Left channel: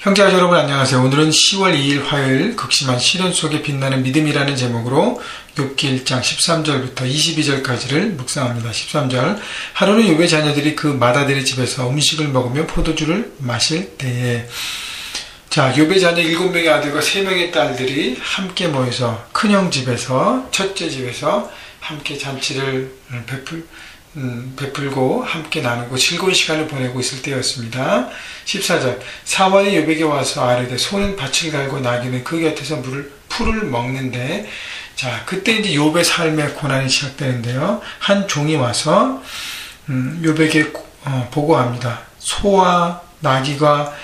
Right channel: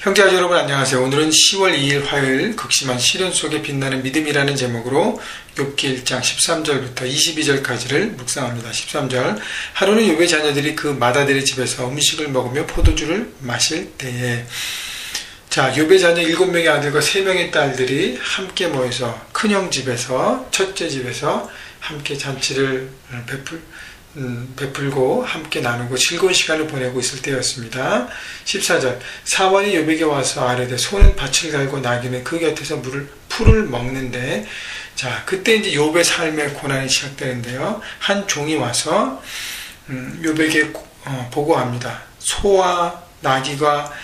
형제자 여러분 안녕하세요. 오늘은 10월 2일 화요일 극심한 시련 속에 빛나는 믿음이라는 제목으로 욥기 1장 13절부터 22절까지를 묵상합니다. 13절 하루는 욥의 자녀들이 그 맏아들의 집에서 음식을 먹으며 포도주를 마실 때에 욥의 자녀 7명의 아들과 3명의 딸들이 함께 모여서 큰형 집에서 첫째 집에서 함께 잔치를 베풀고 함께 나누고 즐거운 시간을 보내고 있을 때였습니다. 14절 사환이 욥에게 와서 아뢰되 소는 밭을 갈고 나귀는 그 곁에서 풀을 먹는데 그때 이제 욥의 삶의 고난이 시작되는데요. 한 종이 와서 욥에게 보고합니다. 소와 나귀가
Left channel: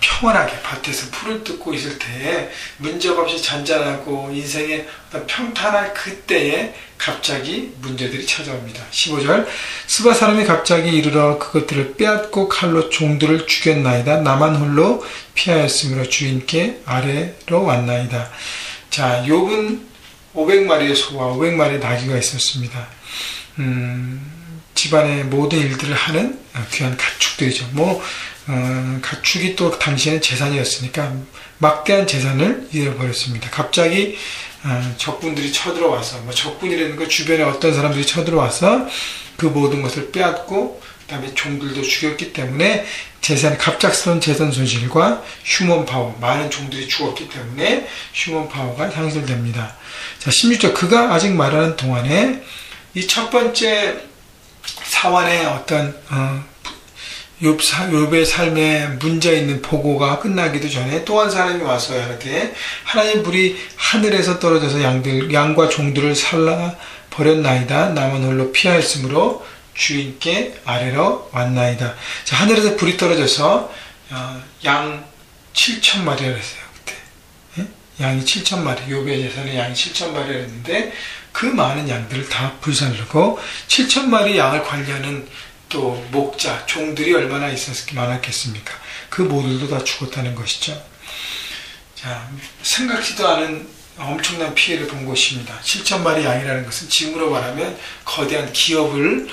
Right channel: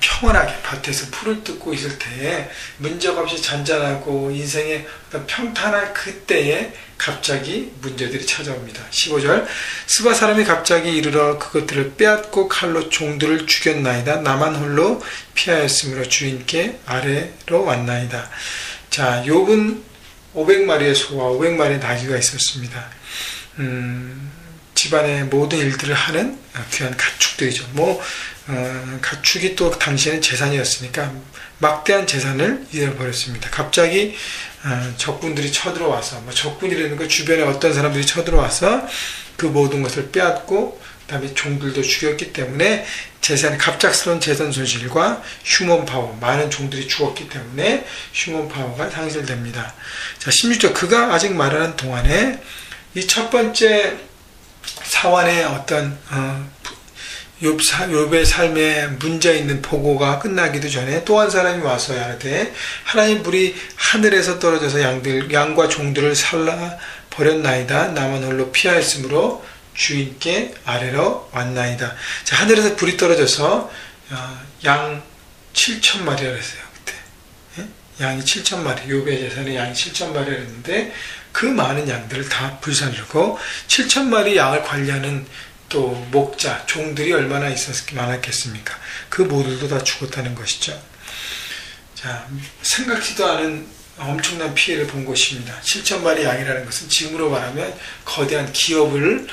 평온하게 밭에서 풀을 뜯고 있을 때에 문제가 없이 잔잔하고 인생의 어떤 평탄한 그때에 갑자기 문제들이 찾아옵니다. 15절 스바 사람이 갑자기 이르러 그것들을 빼앗고 칼로 종들을 죽였나이다. 나만 홀로 피하였으므로 주인께 아래로 왔나이다. 욥은 500마리의 소와 500마리의 나귀가 있었습니다. 집안의 모든 일들을 하는 귀한 가축들이죠. 가축이 또 당시에는 재산이었으니까 막대한 재산을 잃어버렸습니다. 갑자기 적군들이 쳐들어와서 적군이라는 거 주변에 어떤 사람들이 쳐들어와서 그 모든 것을 빼앗고 그다음에 종들도 죽였기 때문에 갑작스러운 재산 손실과 휴먼 파워, 많은 종들이 죽었기 때문에 휴먼 파워가 상실됩니다. 16절 그가 아직 말하는 동안에 이 첫 번째 사환의 어떤 욥의 삶에 문제 있는 보고가 끝나기도 전에 또 한 사람이 와서 이렇게 하나님 불이 하늘에서 떨어져서 양과 종들을 살라 버렸나이다. 나만 홀로 피하였으므로 주인께 아래로 왔나이다. 하늘에서 불이 떨어져서 양 7,000마리라 했어요. 그때 양이 7,000마리, 욥의 재산에 양이 7,000마리라 했는데 그 많은 양들을 다 불살르고 7,000마리 양을 관리하는 또 목자, 종들이 얼마나 많았겠습니까? 그 모두도 다 죽었다는 것이죠. 생각지도 않은 엄청난 피해를 본 것입니다. 7,000마리 양이라는 것은 지금으로 말하면 거대한 기업을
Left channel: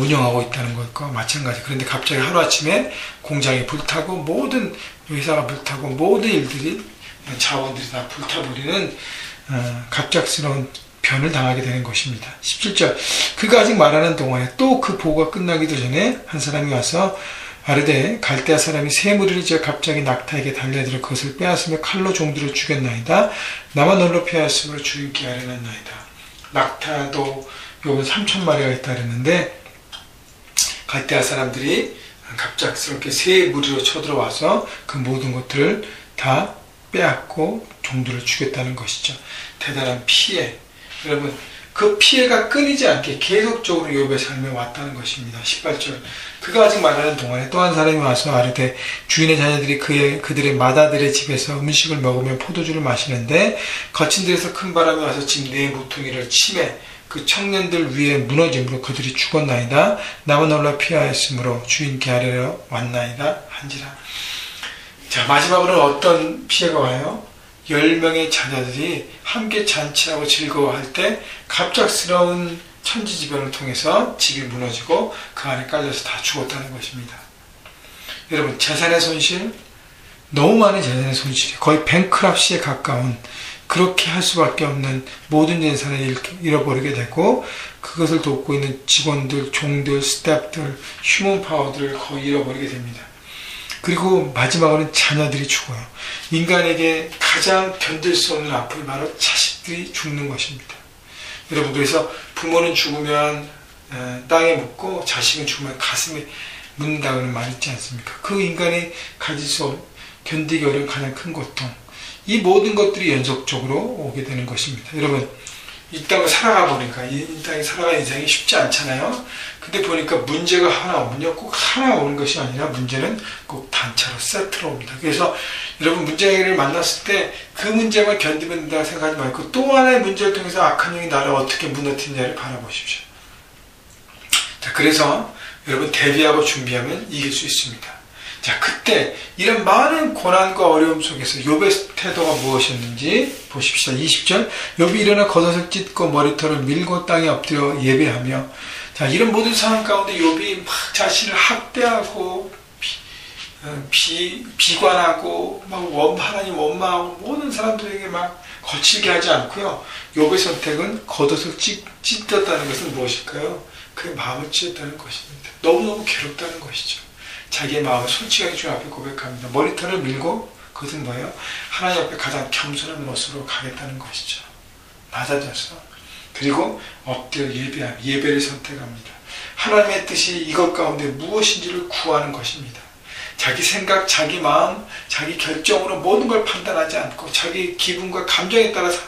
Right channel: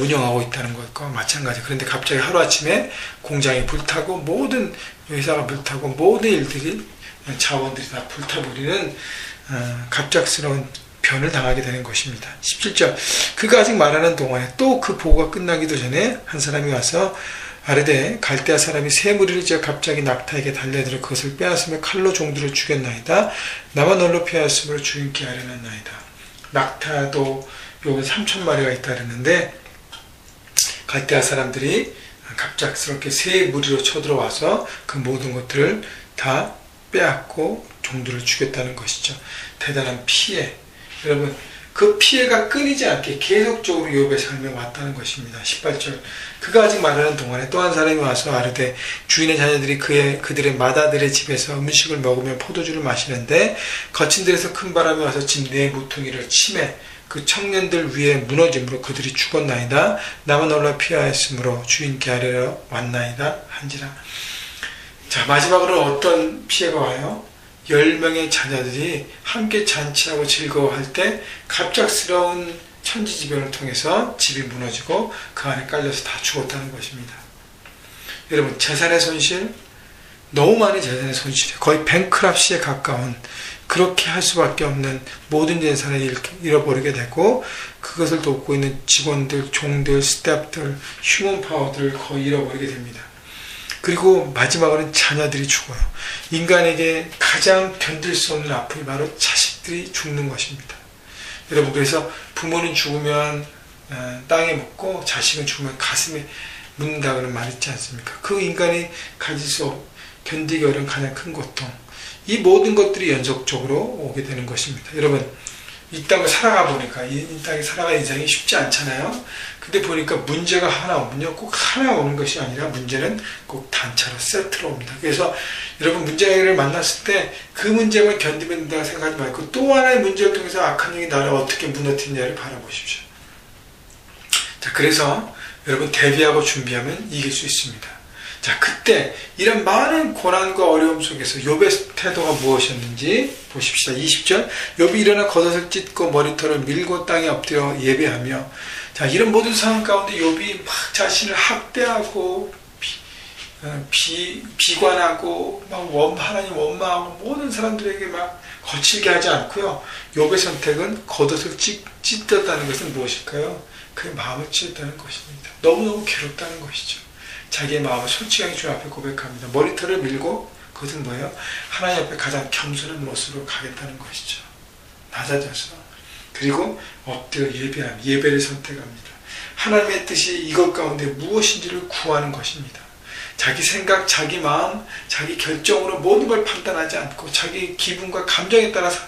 운영하고 있다는 것과 마찬가지. 그런데 갑자기 하루아침에 공장이 불타고 모든 회사가 불타고 모든 일들이 자원들이 다 불타버리는 갑작스러운 변을 당하게 되는 것입니다. 17절 그가 아직 말하는 동안에 또 그 보고가 끝나기도 전에 한 사람이 와서 아르데 갈대아 사람이 새 무리를 지어 갑자기 낙타에게 달려들어 그것을 빼앗으며 칼로 종들을 죽였나이다. 나만 홀로 피하였으므로 주인께 아뢰었나이다. 낙타도 요 3,000마리가 있다 그랬는데 갈대아 사람들이 갑작스럽게 새 무리로 쳐들어와서 그 모든 것들을 다 빼앗고 종들을 죽였다는 것이죠. 대단한 피해. 여러분 그 피해가 끊이지 않게 계속적으로 욥의 삶에 왔다는 것입니다. 18절 그가 아직 말하는 동안에 또 한 사람이 와서 아르되 주인의 자녀들이 그들의 맏아들의 집에서 음식을 먹으며 포도주를 마시는데 거친 데에서 큰 바람이 와서 집 내 모퉁이를 치매 그 청년들 위에 무너짐으로 그들이 죽었나이다. 나만 홀로 피하였으므로 주인께 아래로 왔나이다 한지라. 마지막으로는 어떤 피해가 와요? 10명의 자녀들이 함께 잔치하고 즐거워할 때 갑작스러운 천지지변을 통해서 집이 무너지고 그 안에 깔려서 다 죽었다는 것입니다. 여러분 재산의 손실, 너무 많은 재산의 손실이 거의 뱅크랍시에 가까운 그렇게 할 수밖에 없는 모든 재산을 잃어버리게 되고 그것을 돕고 있는 직원들, 종들, 스태프들, 휴먼 파워들을 거의 잃어버리게 됩니다. 그리고 마지막으로는 자녀들이 죽어요. 인간에게 가장 견딜 수 없는 아픔이 바로 자식들이 죽는 것입니다. 여러분 그래서 부모는 죽으면 땅에 묻고 자식은 죽으면 가슴에 묻는다는 말 있지 않습니까? 그 인간이 견디기 어려운 가장 큰 고통. 이 모든 것들이 연속적으로 오게 되는 것입니다. 여러분 이 땅을 살아가 보니까 이 땅에 살아가는 인생이 쉽지 않잖아요. 근데 보니까 문제가 하나 오면요 꼭 하나 오는 것이 아니라 문제는 꼭 단체로 세트로 옵니다. 그래서 여러분 문제를 만났을 때 그 문제만 견디면 된다고 생각하지 말고 또 하나의 문제를 통해서 악한 영이 나를 어떻게 무너뜨리냐를 바라보십시오. 그래서 여러분 대비하고 준비하면 이길 수 있습니다. 그때 이런 많은 고난과 어려움 속에서 욥의 태도가 무엇이었는지 보십시오. 20절 욥이 일어나 겉옷을 찢고 머리털을 밀고 땅에 엎드려 예배하며 이런 모든 상황 가운데 욥이 막 자신을 학대하고 비관하고 하나님 원망하고 모든 사람들에게 막 거칠게 하지 않고요. 욥의 선택은 겉옷을 찢었다는 것은 무엇일까요? 그의 마음을 찢었다는 것입니다. 너무너무 괴롭다는 것이죠. 자기의 마음을 솔직하게 주님 앞에 고백합니다. 머리털을 밀고 그것은 뭐예요? 하나님 앞에 가장 겸손한 모습으로 가겠다는 것이죠. 낮아져서. 그리고 엎드려 예배를 선택합니다. 하나님의 뜻이 이것 가운데 무엇인지를 구하는 것입니다. 자기 생각, 자기 마음, 자기 결정으로 모든 걸 판단하지 않고 자기 기분과 감정에 따라서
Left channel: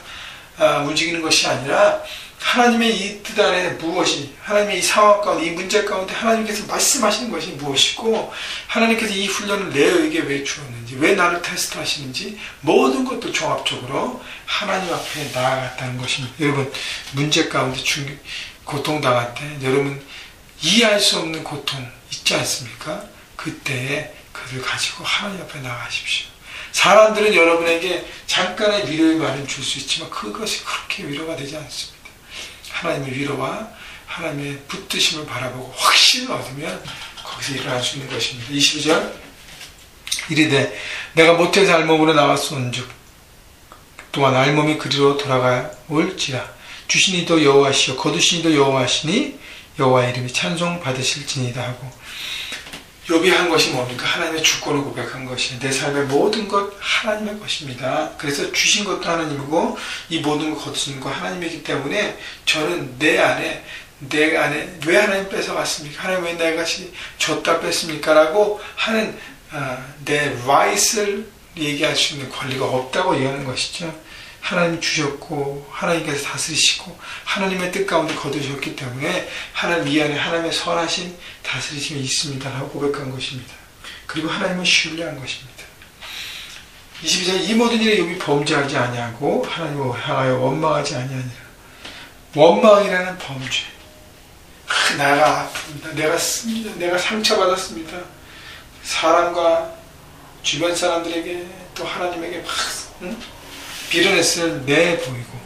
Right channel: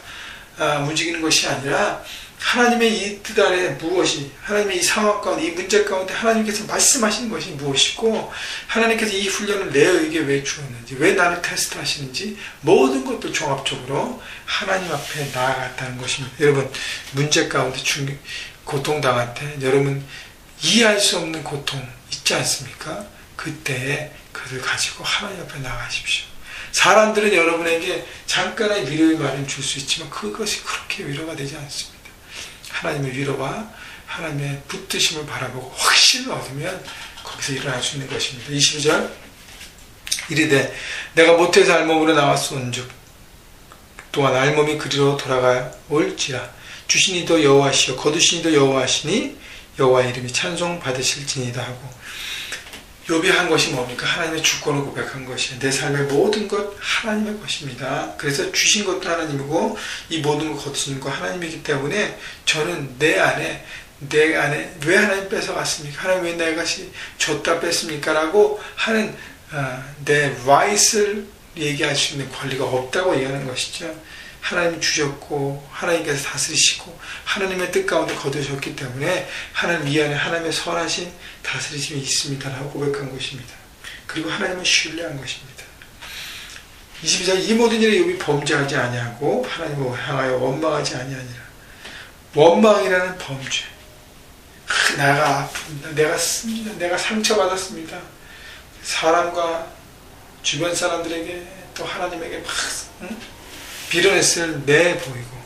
움직이는 것이 아니라 하나님의 이 뜻 안에 무엇이, 하나님의 이 상황 가운데, 이 문제 가운데 하나님께서 말씀하시는 것이 무엇이고, 하나님께서 이 훈련을 내에게 왜 주었는지, 왜 나를 테스트하시는지 모든 것도 종합적으로 하나님 앞에 나아갔다는 것입니다. 여러분, 문제 가운데 고통당할 때 여러분 이해할 수 없는 고통 있지 않습니까? 그때에 그것을 가지고 하나님 앞에 나가십시오. 사람들은 여러분에게 잠깐의 위로의 말을 줄 수 있지만 그것이 그렇게 위로가 되지 않습니다. 하나님의 위로와 하나님의 붙드심을 바라보고 확신을 얻으면 거기서 일어날 수 있는 것입니다. 22절 이르되 내가 모태에서 알몸으로 나왔은즉 또한 알몸이 그리로 돌아올지라 주신 이도 여호와시요 거두신 이도 여호와시니 여호와의 이름이 찬송 받으실지니이다 하고, 욥이 한 것이 뭡니까? 하나님의 주권을 고백한 것이 내 삶의 모든 것 하나님의 것입니다. 그래서 주신 것도 하나님이고 이 모든 것 거두신 거 하나님이기 때문에 저는 내 안에 왜 하나님 뺏어갔습니까? 하나님 왜 내 것이 줬다 뺐습니까? 라고 하는 내 right을 얘기할 수 있는 권리가 없다고 얘기하는 것이죠. 하나님이 주셨고 하나님께서 다스리시고 하나님의 뜻 가운데 거두셨기 때문에 하나님 이 안에 하나님의 선하신 다스리심이 있습니다 라고 고백한 것입니다. 그리고 하나님을 신뢰한 것입니다. 22절 이 모든 일에 욥이 범죄하지 아니하고 하나님을 향하여 원망하지 아니하니라. 원망이라는 범죄. 내가 아픕니다. 내가 씁니다. 내가 상처받았습니다. 사람과 주변 사람들에게 또 하나님에게 막 빌어냈을 내보이고,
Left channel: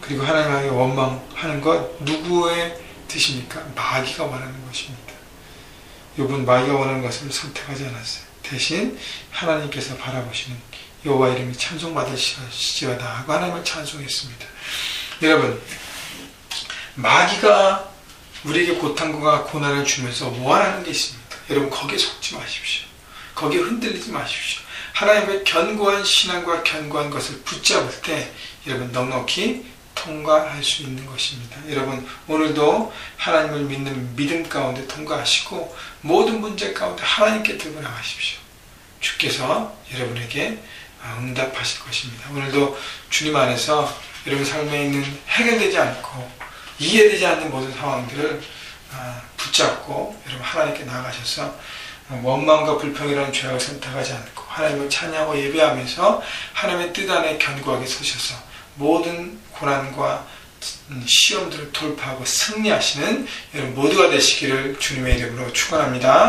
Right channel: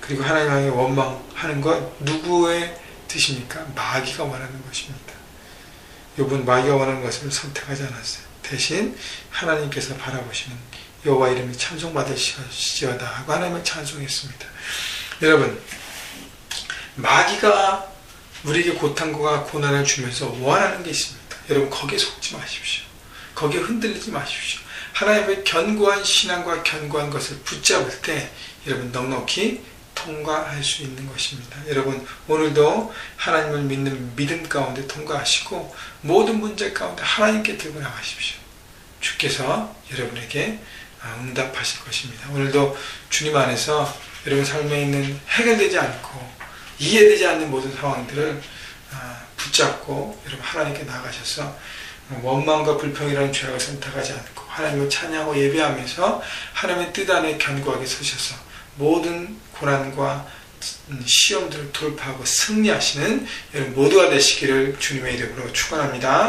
그리고 하나님 향해 원망하는 것 누구의 뜻입니까? 마귀가 원하는 것입니다. 욥은 마귀가 원하는 것을 선택하지 않았어요. 대신 하나님께서 바라보시는 여호와 이름이 찬송받으시지어다 하고 하나님을 찬송했습니다. 여러분, 마귀가 우리에게 고통과 고난을 주면서 원하는 게 있습니다. 여러분, 거기에 속지 마십시오. 거기에 흔들리지 마십시오. 하나님의 견고한 신앙과 견고한 것을 붙잡을 때 여러분 넉넉히 통과할 수 있는 것입니다. 여러분, 오늘도 하나님을 믿는 믿음 가운데 통과하시고 모든 문제 가운데 하나님께 들고 나가십시오. 주께서 여러분에게 응답하실 것입니다. 오늘도 주님 안에서 여러분 삶에 있는 해결되지 않고 이해되지 않는 모든 상황들을 붙잡고 여러분 하나님께 나가셔서 원망과 불평이라는 죄악을 선택하지 않고 하나님을 찬양하고 예배하면서 하나님의 뜻 안에 견고하게 서셔서 모든 고난과 시험들을 돌파하고 승리하시는 여러분 모두가 되시기를 주님의 이름으로 축원합니다.